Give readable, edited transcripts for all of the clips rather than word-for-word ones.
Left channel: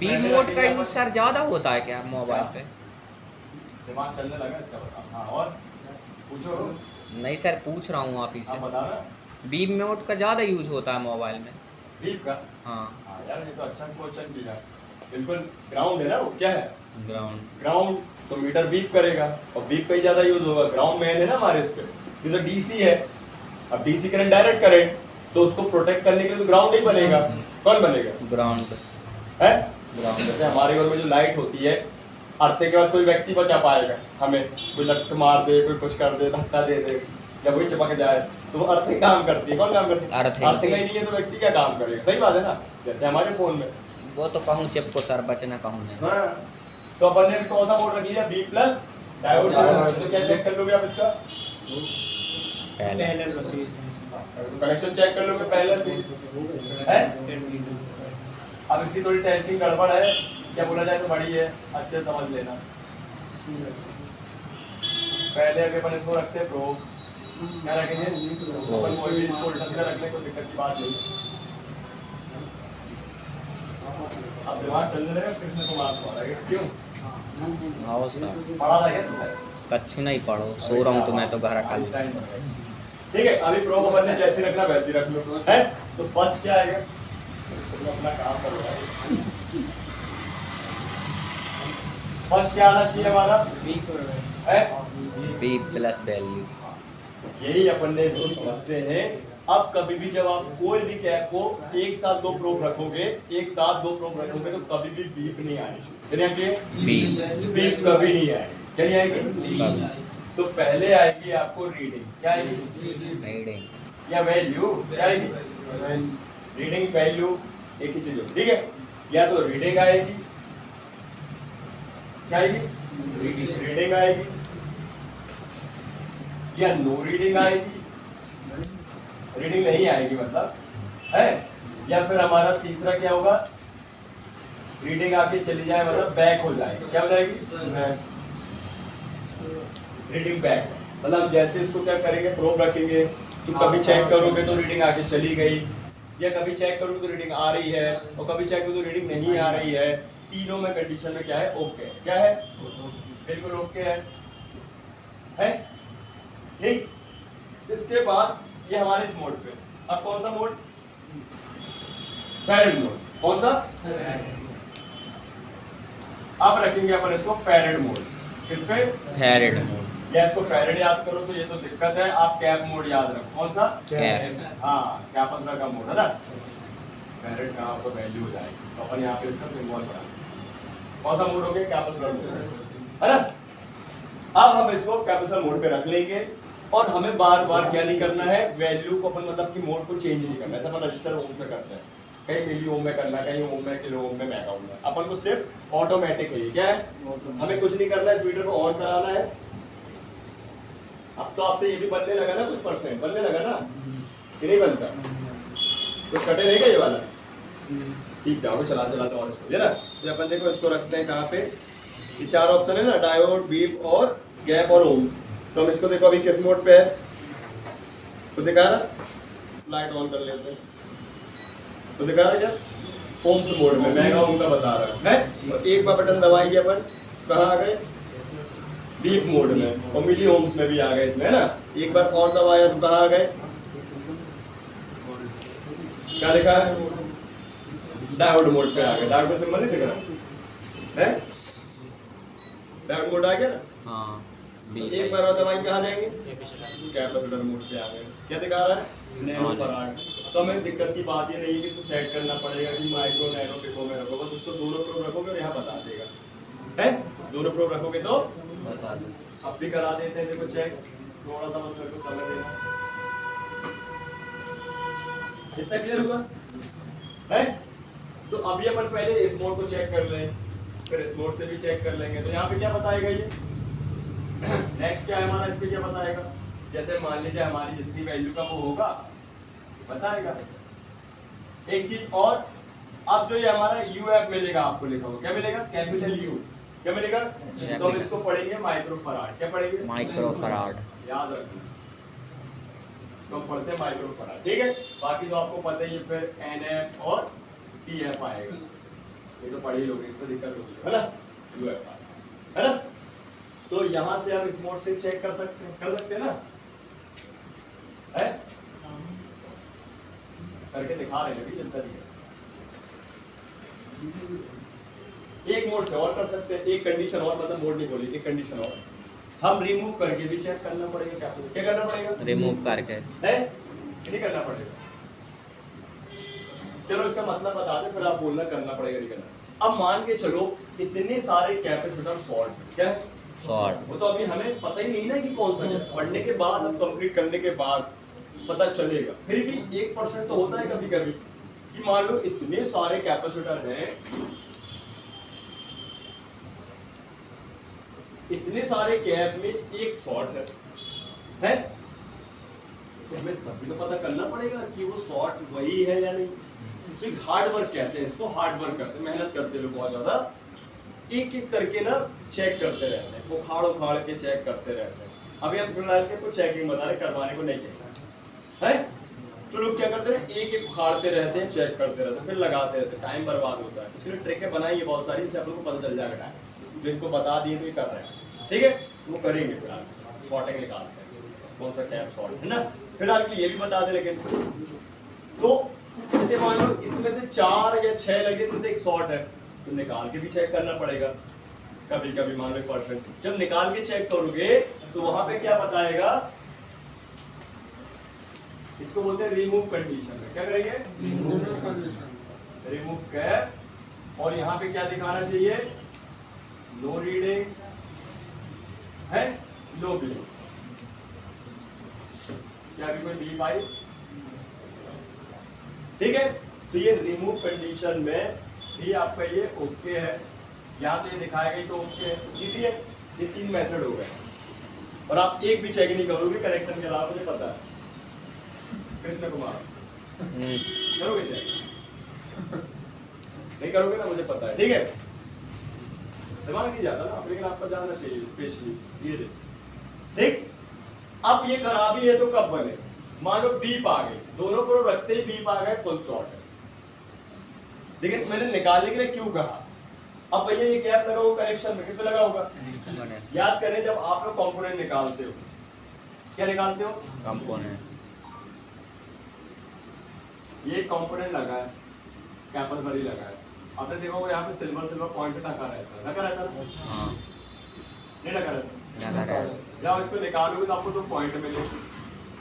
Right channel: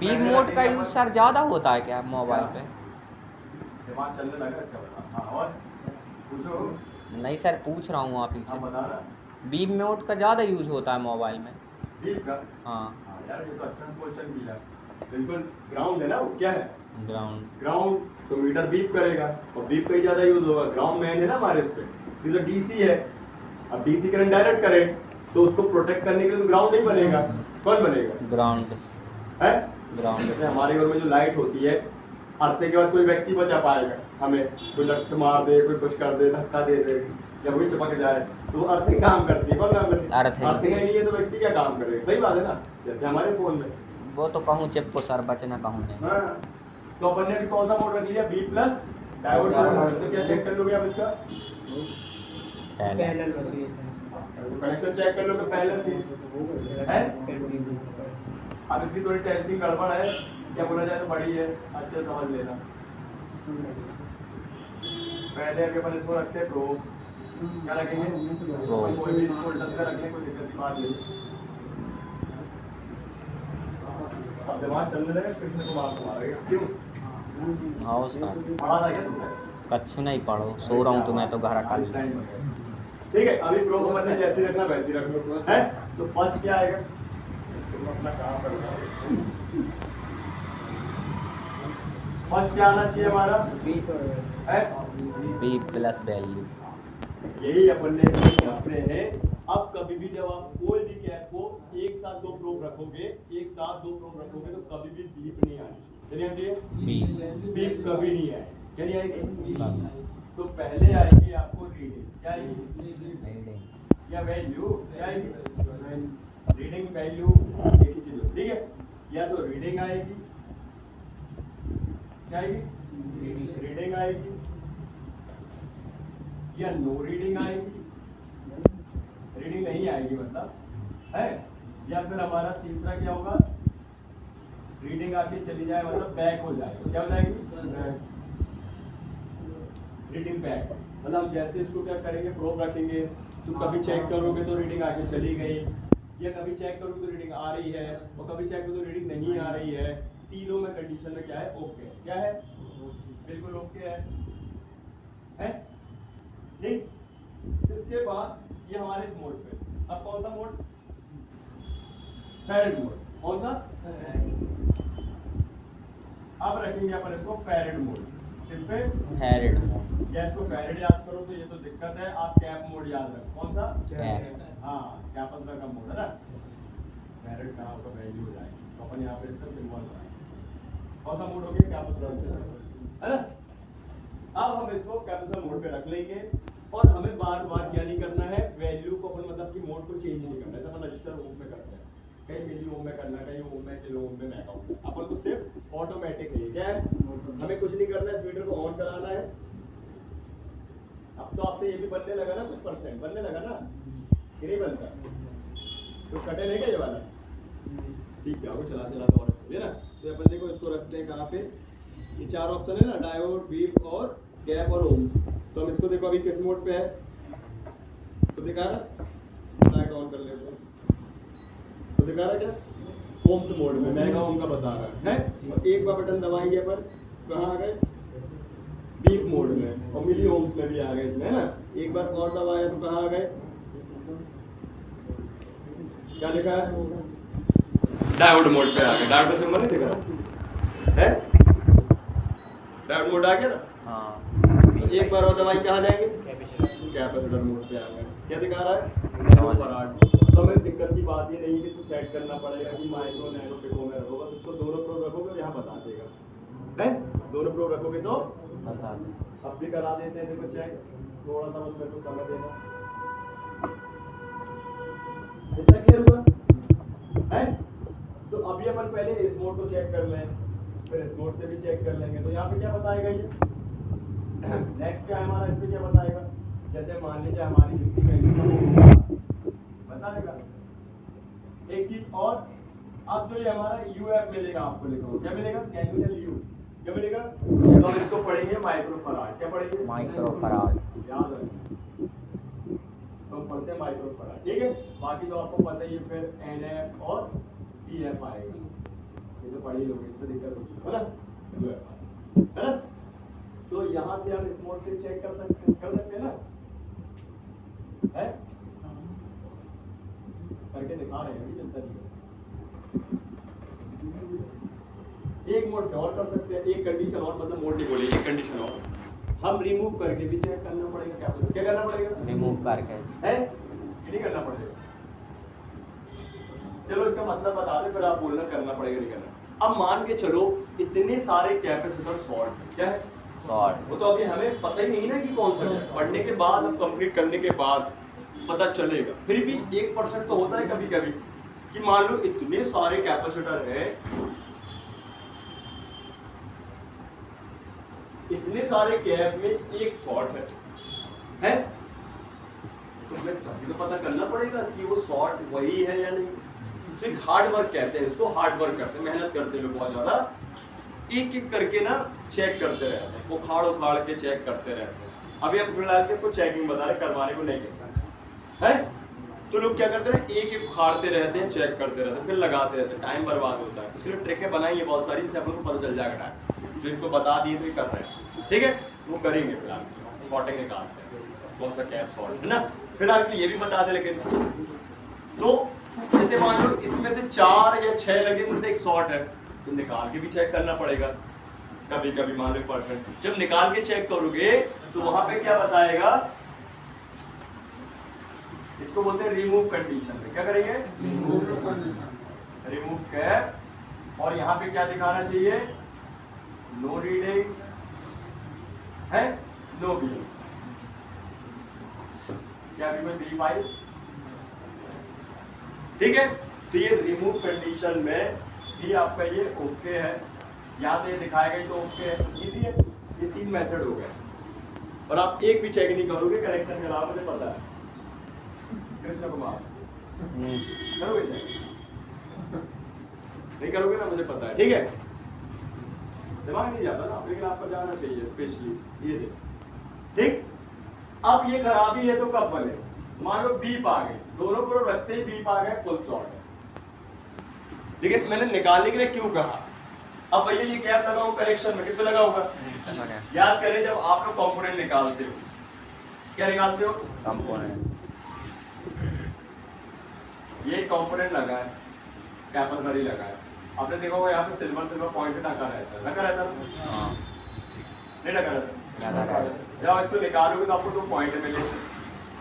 Beep mode का use sir ज़्यादा होता है क्या मोबाइल पे? दिमाग चलने लगा इसका बता। हाँ और पूछो। नहीं सर, पूछ रहा हूँ आप ही हाँ से। बता ना। बीप मोड का ज़्यादा यूज़ होता है मोबाइल में। बीप का? हाँ। हाँ यार ये तो अच्छा क्वेश्चन किया। बिल्कुल ग्राउंड है ना वो, क्या है? ग्राउंड। ग्राउंड। तो मीटर बीप करेगा और बीप का ही ज्यादा यूज होगा। ग्राउंड मेन है ना हमारे इस पे, जैसे डीसी है। अब डीसी करंट डायरेक्ट करंट, तो उसको प्रोटेक्ट करने के लिए तो ग्राउंड ही बनेगा। कौन बनेगा? ग्राउंड है ग्राउंड। जैसे हमारे घर में जो लाइट होती है, अर्थे के बाद कोई व्यक्ति बचा पाएगा हमें? कोई लट मार दे, कोई कुछ कर दे, धक्का दे दे या कोई चिपक जाए, तो वो अर्थिंग काम करती है। कौन काम करती है? अर्थिंग ही नहीं है तो व्यक्ति क्या काम करेगा? सही बात है ना। जैसे हमारे फोन में वो तो कहूँ चिप को सर, बचने कहूँ नहीं। हाँ। तो अपन ने कौन सा मोड रख लिया? B plus diode mode. तो क्या चेक कर लोगे आप इसका? पहले तो कनेक्शन चेक कर लोगे पहले से है। अब इसकी थोड़ी टेस्टिंग गड़बड़ है, क्या बोला जाए तो बड़ी है, अच्छे समझ लेना। पहले अभी अपन इसको रखते हैं प्रो। क्या रखेंगे? अपन कोई भी इसको उल्टा सीधा रख ले, कोई दिक्कत की बात नहीं। अब दिमाग चलने लगा कृष्ण कुमार तुम्हारा, क्यों? आओ सर, पढ़ा था क्या तुमने? कच्छु नहीं पढ़ो, सो रहा हूँ तो मैं तो घर का। ठीक है, अभी प्रो को बनने जैसी रखना वैसी रख लो है। तो फर्स्ट क्या आएगा? तुम अपना काम करो भाई। फर्स्ट क्या आना चाहिए हमारा? है बी प्लस वैल्यू। यही अपन ने इसको समझते हैं। अब कभी भी जब आप कोई भी कैप को एक साथ दो प्रोब रखोगे, एक साथ दो प्रोब रखोगे, तो कभी भी बीप नहीं आनी चाहिए। बीप कभी नहीं आएगी। क्या नहीं आएगी? तो पहले आएगी आपको रीडिंग। क्या आएगी? रीडिंग या वैल्यू? क्या आएगी? रीडिंग वैल्यू एक ही चीज हो, ठीक है। या तो रीडिंग आएगी, क्या आएगी? रीडिंग आएगी, या नो रीडिंग आएगी। रीडिंग नहीं आएगी मतलब है। या फिर हमारा तीसरा क्या होगा? रीडिंग आके चली जाए मतलब बैक हो जाए। तो क्या हो जाएगी? Reading back. मतलब जैसे इसको क्या करेंगे, प्रोब रखेंगे, तो कभी चेक करोगे तो रीडिंग आके चली गई, या कभी चेक करोगे तो रीडिंग आ रही है, और कभी चेक करोगे तो रीडिंग नहीं आ रही है। तीनों में कंडीशन में क्या है? ओके। क्या है? बिल्कुल ओके है ठीक। इसके बाद ये हमारे इस मोड पे, अब कौन सा मोड? Farad mode. कौन सा? अब रखेंगे अपन इसको फैरेड मोड। किस पे? Farad mode. या इसको फैरेड याद करो तो ये तो दिक्कत है। आप कैप मोड याद रखो। कौन सा? कैप। हाँ, कैपेसिटर का मोड है ना। फैरेड का आपको वैल्यू हो जाएगी, तो अपन यहाँ पे इसका सिंबल बना। कौन सा मोड हो गया? कैपेसिटर मोड है ना। अब हम इसको कैपेसिटर मोड पे रख लेंगे, और हमें बार बार क्या नहीं करना है? वैल्यू को अपन मतलब कि मोड को चेंज नहीं करना है। ऐसा अपन रजिस्टर ओम में करते हैं, कहीं मिली ओम में करना, कहीं ओम में, किलो ओम में, मेगा ओम में। अपन को सिर्फ ऑटोमेटिक है। क्या है? हमें कुछ नहीं करना है, इस मीटर को ऑन कराना है। अब तो आपसे ये भी बनने लगा ना, कुछ परसेंट बनने लगा ना, कि नहीं बनता? कुछ कटे रहेगा ये वाला, सीख जाओगे चला चलाते और इसको, है ना। जब अपन देखो इसको रखते हैं कहाँ पे, ये चार ऑप्शन है ना, डायोड, बीप और गैप और ओम। तो हम इसको देखो अभी किस मोड पे है, तो दिखा रहा, लाइट ऑन कर लेते हैं तो दिखा रहा क्या? ओम्स मोड में, मेगा ओम का बता रहा है। तो एक बार बटन दबाएंगे अपन, कहाँ आ गए? बीप मोड में, और मिली ओम्स में भी आ गए इसमें, है ना। एक बार और दबाया तो कहाँ आ गए? क्या लिखा है? डायोड मोड पे आ गए। डायोड का सिंबल नहीं दिख रहा है? डायोड मोड आ गया ना। हाँ। एक बार और दबाएं, कहाँ जाएंगे? कैपेसिटर मोड पे आ गए। क्या दिखा रहा है? Nanofarad. तो हमें दिक्कत की बात ये नहीं है कि इसको सेट करना पड़ेगा कि माइक्रो, नैनो, पिको में रखो। बस उसको दोनों प्रोब रखोगे और यहाँ बता देगा, है। दोनों प्रोब रखोगे तो बता दो। अब भी करा देते हैं, देखो चेक। थोड़ा सा बस मेरे को समय देना। इतना क्लियर हुआ है? तो अभी अपन पहले इस मोड को चेक कर लें, फिर इस मोड से भी चेक कर लेंगे। तो यहाँ पे क्या बताएगा ये? नेक्स्ट क्या है हमारा, इस पे क्या बताएगा? जैसे मान लीजिए हमारी जितनी वैल्यू का वो होगा बताएगा। एक चीज और, अब जो ये हमारा यू एफ मिलेगा आपको, लिखा हो क्या मिलेगा? Capital you. क्या मिलेगा? तो हम इसको पढ़ेंगे माइक्रोफराड। क्या पढ़ेंगे? माइक्रोफराड। याद रखना, तो पढ़ते हैं माइक्रोफराड, ठीक है। बाकी तो आपको पता ही है, फिर एन एफ और टी एफ आएगा। ये तो तो पढ़ ही लोगे, इसमें दिक्कत होगी, है ना? UFR, है ना? तो यहाँ से हम स्मॉल सिम चेक कर सकते हैं ना? है? करके दिखा रहे हैं अभी जनता दी। एक मोड से और कर सकते हैं, एक कंडीशन और, मतलब मोड नहीं बोली, एक कंडीशन और हम रिमूव करके भी चेक करना पड़ेगा। क्या करना पड़ेगा? रिमूव करके है, नहीं करना पड़ेगा। चलो इसका मतलब बता दे, फिर आप बोलना करना पड़ेगा नहीं करना। अब मान के चलो इतने सारे कैपेसिटर शॉर्ट, क्या है? शॉर्ट। वो तो अभी हमें पता ही नहीं ना कि कौन सा है। पढ़ने के बाद, अब कंप्लीट करने के बाद पता चलेगा। फिर भी 1% तो होता है कभी कभी कि मान लो इतने सारे कैपेसिटर हैं, इतने सारे कैप में एक शॉर्ट है? तो हमें तभी तो पता करना पड़ेगा कि वो शॉर्ट वही है या नहीं। तो एक हार्ड वर्क कहते हैं इसको, हार्ड वर्क करते हैं, मेहनत करते हैं लोग बहुत ज्यादा, एक एक करके ना चेक करते रहते हैं, उखाड़ उखाड़ के चेक करते रहते हैं। अभी हम फिलहाल के को चेकिंग बता रहे, करवाने को नहीं कहता है। तो लोग क्या करते हैं, एक एक उखाड़ते रहते हैं, चेक करते रहते हैं, फिर लगाते रहते हैं, टाइम बर्बाद होता है। इसलिए ट्रिकें बनाई है बहुत सारी, जिससे आप लोग को पता चल जाएगा। जो इनको बता दिए तो ये कर रहे हैं, ठीक है, वो करेंगे। फिलहाल शॉर्टिंग निकालते हैं कौन सा कैप शॉर्ट है ना। फिलहाल के लिए भी बता दे, लेकिन तो जैसे मान लो इसमें से 4 या 6 लगे, इनमें से एक शॉर्ट है, तो निकाल के भी चेक करना पड़ेगा। कभी कभी मान लो 1%, जब निकाल के चेक करोगे तो वहां पे क्या बताएगा, इसको बोलते हैं रिमूव कंडीशन में। क्या करेंगे? Remove cap. और यहाँ पे क्या दिखाना चाहिए? नो रीडिंग है, नो बी। क्या अभी कोई बी पाई? ठीक है, तो ये रिमूव कंडीशन में भी आपका ये ओके है। यहाँ पे दिखाएगा ही तो ओके है, इजी है। ये 3 मेथड हो गए और आप एक भी चेक नहीं करोगे कनेक्शन के अलावा, मुझे पता है। कृष्ण कुमार करोगे चेक? नहीं करोगे ना, मुझे पता है, ठीक है। दिमाग नहीं जाता ना, लेकिन आपको जाना चाहिए स्पेशली ये। ठीक, अब ये खराबी है तो कब बने? मान लो बीप आ गई, दोनों को रखते ही बीप आ गए, फुल शॉर्ट है। लेकिन मैंने निकालने के लिए क्यों कहा? अब भैया ये कैप लगा हुआ कनेक्शन में, किस पे लगा होगा? याद करें, जब आप लोग कंपोनेंट निकालते हो, क्या निकालते हो? कंपोनेंट। ये कंपोनेंट लगा है, कैपर भरी लगा है। आपने देखा होगा यहाँ पे सिल्वर पॉइंट ढका रहता है, ढका रहता है? हाँ। नहीं ढका रहता? जब इसको निकालोगे तो आपको 2 पॉइंट मिलेंगे,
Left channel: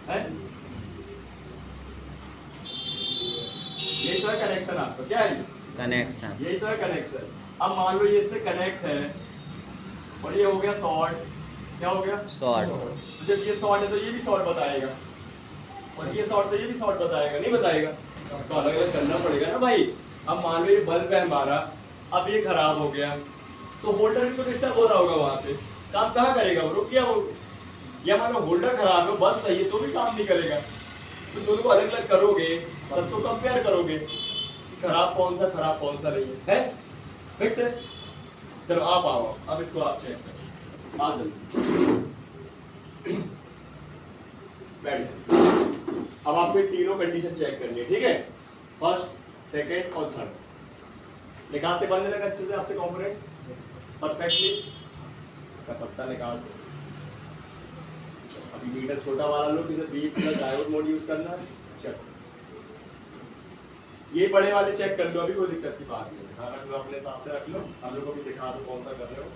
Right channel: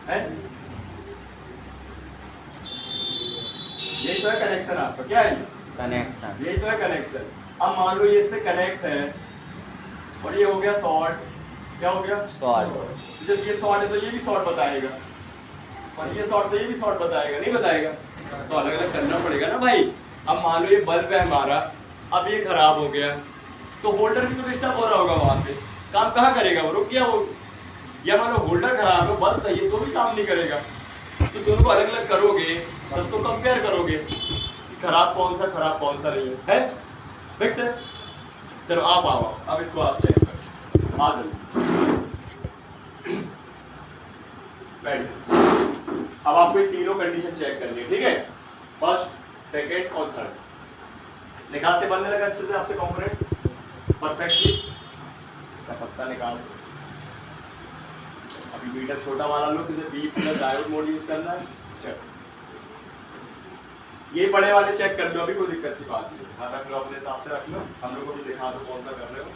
है? यही तो है कनेक्शन आपका, क्या है? कनेक्शन। यही तो है कनेक्शन। अब मान लो ये इससे कनेक्ट है और ये हो गया शॉर्ट। क्या हो गया? शॉर्ट। जब ये शॉर्ट है तो ये भी शॉर्ट बताएगा, और ये शॉर्ट तो ये भी शॉर्ट बताएगा, नहीं बताएगा? तो अलग अलग करना पड़ेगा ना भाई। अब मान लो ये बल्ब है हमारा, अब ये खराब हो गया तो होल्डर भी तो डिस्टर्ब हो रहा होगा, वहां पे काम कहाँ करेगा? वो रुक गया वो। या मान लो होल्डर खराब है, बल्ब सही है तो भी काम नहीं करेगा। तो दोनों को अलग अलग करोगे तब तो कंपेयर करोगे कि खराब कौन सा नहीं है। फिक्स है? चलो आप आओ, अब इसको आप चेक करो, आ बैठ। अब आपको ये तीनों कंडीशन चेक करनी है, ठीक है? फर्स्ट, सेकेंड और थर्ड। निकालते बनने लगा अच्छे से आपसे कंपोनेंट परफेक्टली। इसका पत्ता निकाल दो। अभी मीटर छोटा वाला लो, जिसे B plus diode mode use करना है, चेक। ये बड़े वाले चेक कर लो, अभी कोई दिक्कत की बात नहीं है। हाँ, रख लो अपने हिसाब से रख लो, हम लोग को भी दिखा दो कौन सा कर रहे हो।